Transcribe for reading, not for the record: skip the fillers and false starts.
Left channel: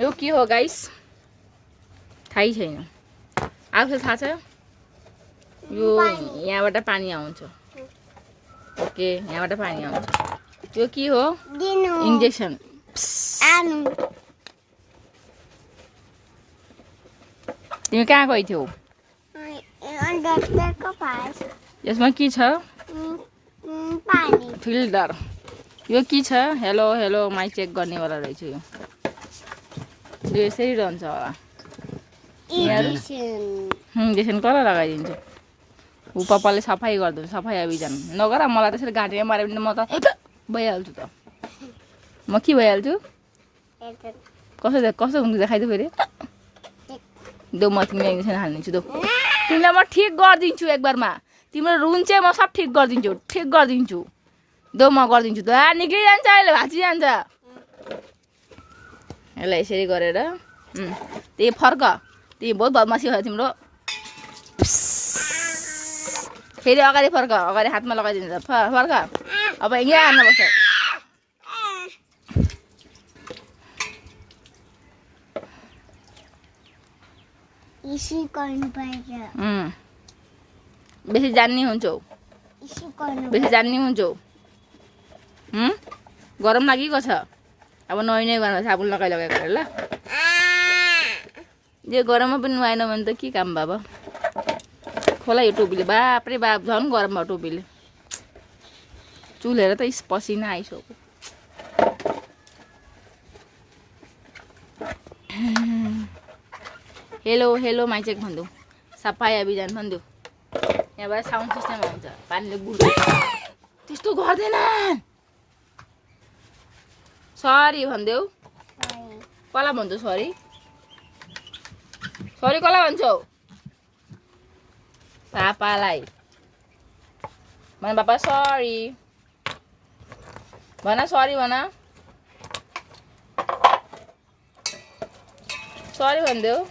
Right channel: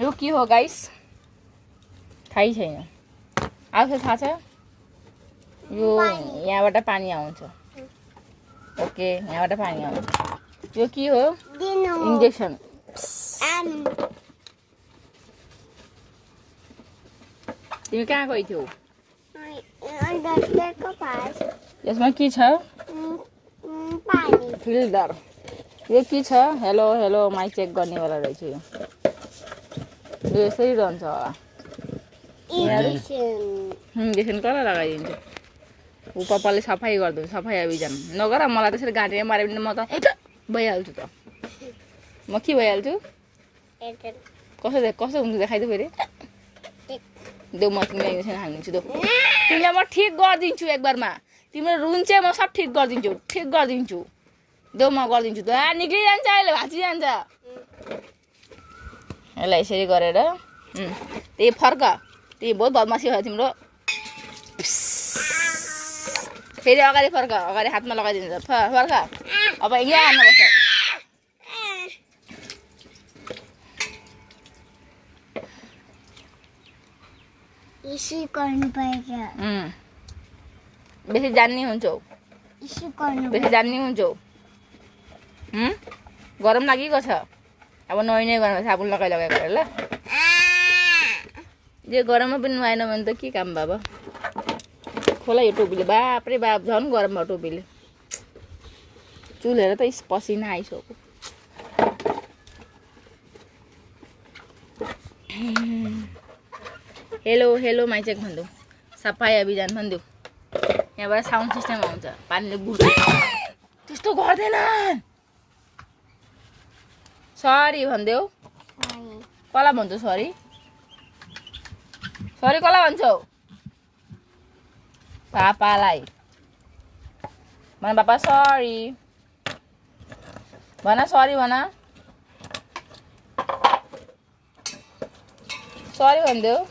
यो के हो गाइस थाहै छैन आउँछ थाहा छ यो यहाँबाट पानी आउँछ ओके यहाँबाट पानी आउँछ यो के हो इन्जेक्सन तिमी कहाँ गई थियौ यसमा के छ फिल्टर यो के छ हेलो हेलो माइक चेक गर्नेवाला रहेछ यो यसरी रहन्छ होला इन्जेक्सन कसलाई लगाइदिन्छ ऊ पप्पाले सफाइ गरिदिन्छ सफाइ अभियान नगर मलाई त्यसरी घाँटीमा माऱ्यो भने म त भइहाल्छु त म के भइहाल्छु कसो हुन्छ देखाइदियो फेरि देऊ म तिमीलाई इन्जेक्सन हालिदिन्छु दो तिमीलाई म ठिक गरिदिन्छु एकबारमा तिम्रो रुन चाहिँ म सब ठिक गरिदिन्छु दो म गरिदिन्छु त निक्लिजान्छ अहिले भाँचिजान्छ यसलाई यसरी गरेर त्यही फर्क त्यही बहुत बदमासी हो तिम्रो फेरि अगाडि फर्क अगाडि हातमा लगाइदिन्छ फर्क अब यहाँ हान्नुपर्छ बेसी जान्ने हुन्छौ गरम लागेको छ अब नुहाइ गरेर साबुन लगाएको ल यो गरममा पनि नुहाएन भने त के काम बाबा खोला यो टोपीले बापरे बाप झन् गरम भयो टोपीले चुलेर त पसिना आइसक्यो हेलो हेलो माइचेक भन्देऊ सफाइ अभियान भन्देऊ यहाँबाट साउन्ड सिस्टम आउँछ पानीले बुढ्छ त्यस्तो गर्दैन सरी भन्देऊ कसलाई भन्छौ सरी कसलाई भन्छौ पापालाई भन पापा सरी भन सरी भन सरी भन्देऊ